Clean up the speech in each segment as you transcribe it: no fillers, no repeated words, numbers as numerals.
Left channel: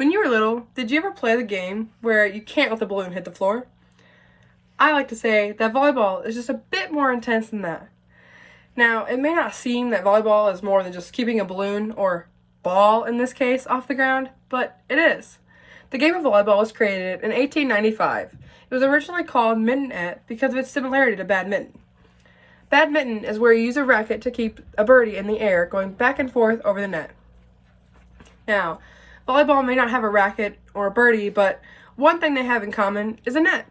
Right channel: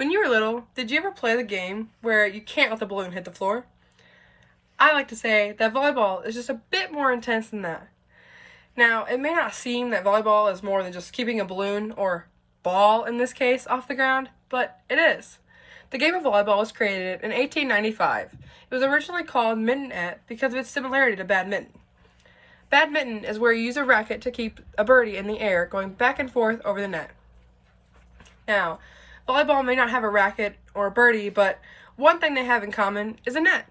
When you were little, did you ever play the game where you can't let the balloon hit the floor? I like to say that volleyball is just a bit more intense than that. Now, it may not seem that volleyball is more than just keeping a balloon, or ball in this case, off the ground, but it is. The game of volleyball was created in 1895. It was originally called mittenette because of its similarity to badminton. Badminton is where you use a racket to keep a birdie in the air going back and forth over the net. Now, volleyball may not have a racket or a birdie, but one thing they have in common is a net.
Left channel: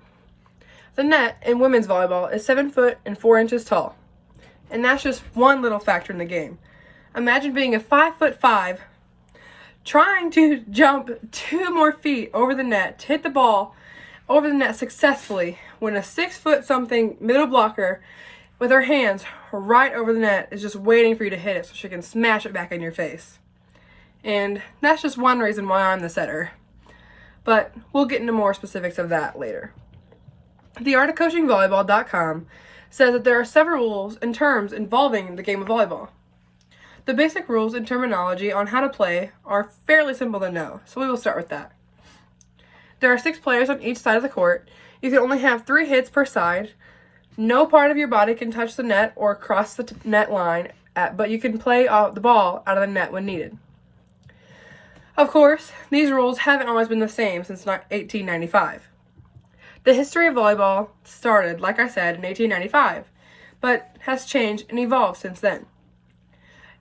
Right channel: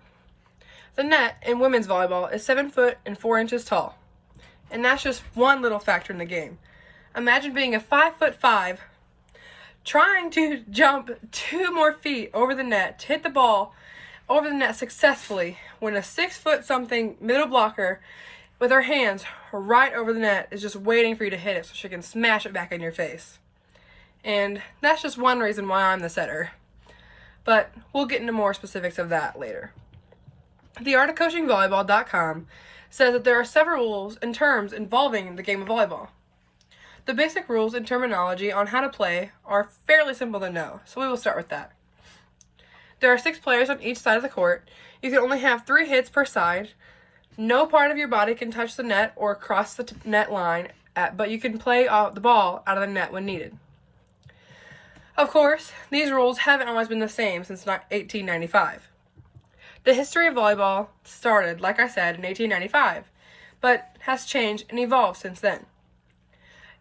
The net in women's volleyball is 7 foot and 4 inches tall. And that's just one little factor in the game. Imagine being a 5'5", trying to jump 2 more feet over the net to hit the ball over the net successfully when a 6-foot-something middle blocker with her hands right over the net is just waiting for you to hit it so she can smash it back in your face. And that's just one reason why I'm the setter. But we'll get into more specifics of that later. The Art of Coaching Volleyball.com says that there are several rules and terms involving the game of volleyball. The basic rules and terminology on how to play are fairly simple to know, so we will start with that. There are 6 players on each side of the court. You can only have 3 hits per side. No part of your body can touch the net or cross the net line, but you can play the ball out of the net when needed. Of course, these rules haven't always been the same since 1895. The history of volleyball started, like I said, in 1895, but has changed and evolved since then.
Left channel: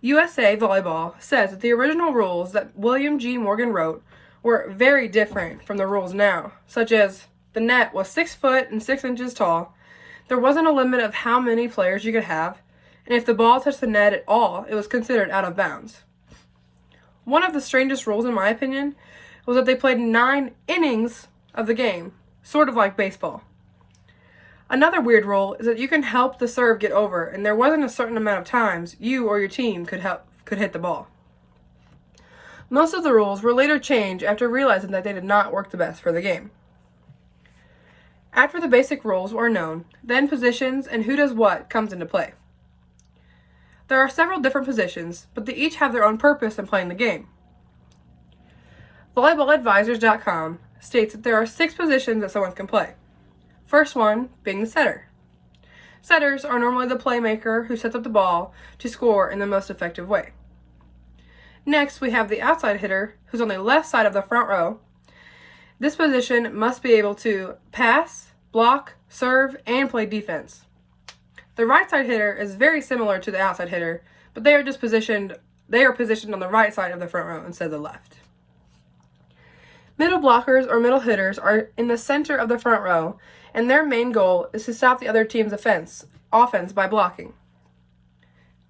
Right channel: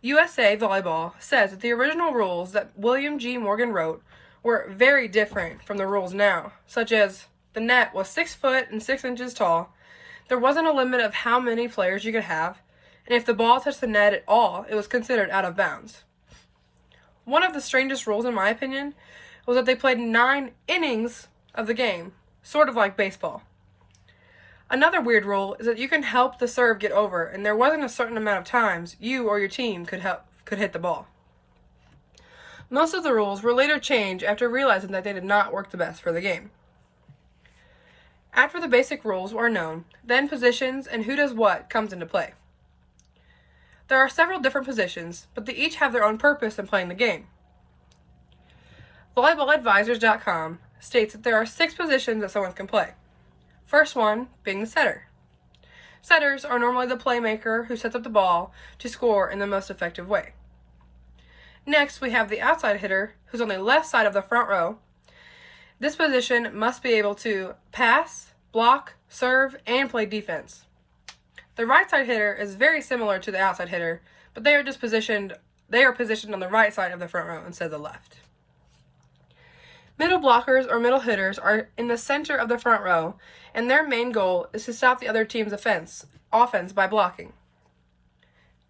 USA Volleyball says that the original rules that William G. Morgan wrote were very different from the rules now, such as the net was 6 foot and 6 inches tall, there wasn't a limit of how many players you could have, and if the ball touched the net at all, it was considered out of bounds. One of the strangest rules, in my opinion, was that they played 9 innings of the game, sort of like baseball. Another weird rule is that you can help the serve get over, and there wasn't a certain amount of times you or your team could hit the ball. Most of the rules were later changed after realizing that they did not work the best for the game. After the basic rules are known, then positions and who does what comes into play. There are several different positions, but they each have their own purpose in playing the game. VolleyballAdvisors.com states that there are 6 positions that someone can play. First one being the setter. Setters are normally the playmaker who sets up the ball to score in the most effective way. Next, we have the outside hitter, who's on the left side of the front row. This position must be able to pass, block, serve, and play defense. The right side hitter is very similar to the outside hitter, but they are positioned on the right side of the front row instead of the left. Middle blockers or middle hitters are in the center of the front row, and their main goal is to stop the other team's offense by blocking.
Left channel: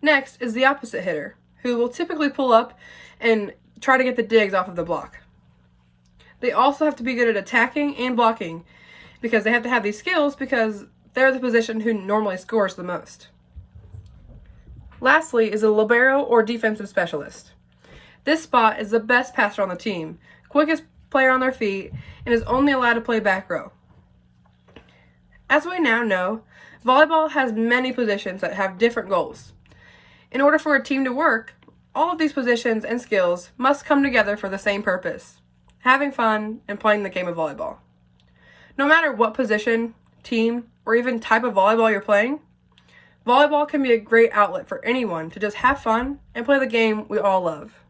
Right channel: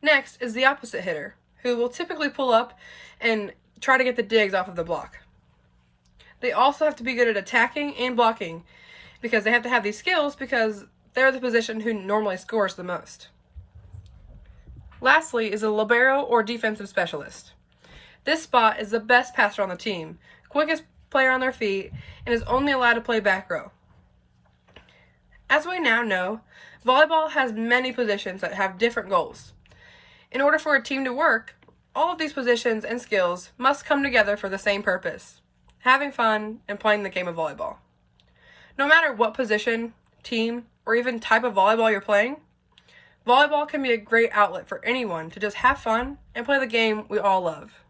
Next is the opposite hitter, who will typically pull up and try to get the digs off of the block. They also have to be good at attacking and blocking because they have to have these skills because they're the position who normally scores the most. Lastly is a libero or defensive specialist. This spot is the best passer on the team, quickest player on their feet, and is only allowed to play back row. As we now know, volleyball has many positions that have different goals. In order for a team to work, all of these positions and skills must come together for the same purpose: having fun and playing the game of volleyball. No matter what position, team, or even type of volleyball you're playing, volleyball can be a great outlet for anyone to just have fun and play the game we all love.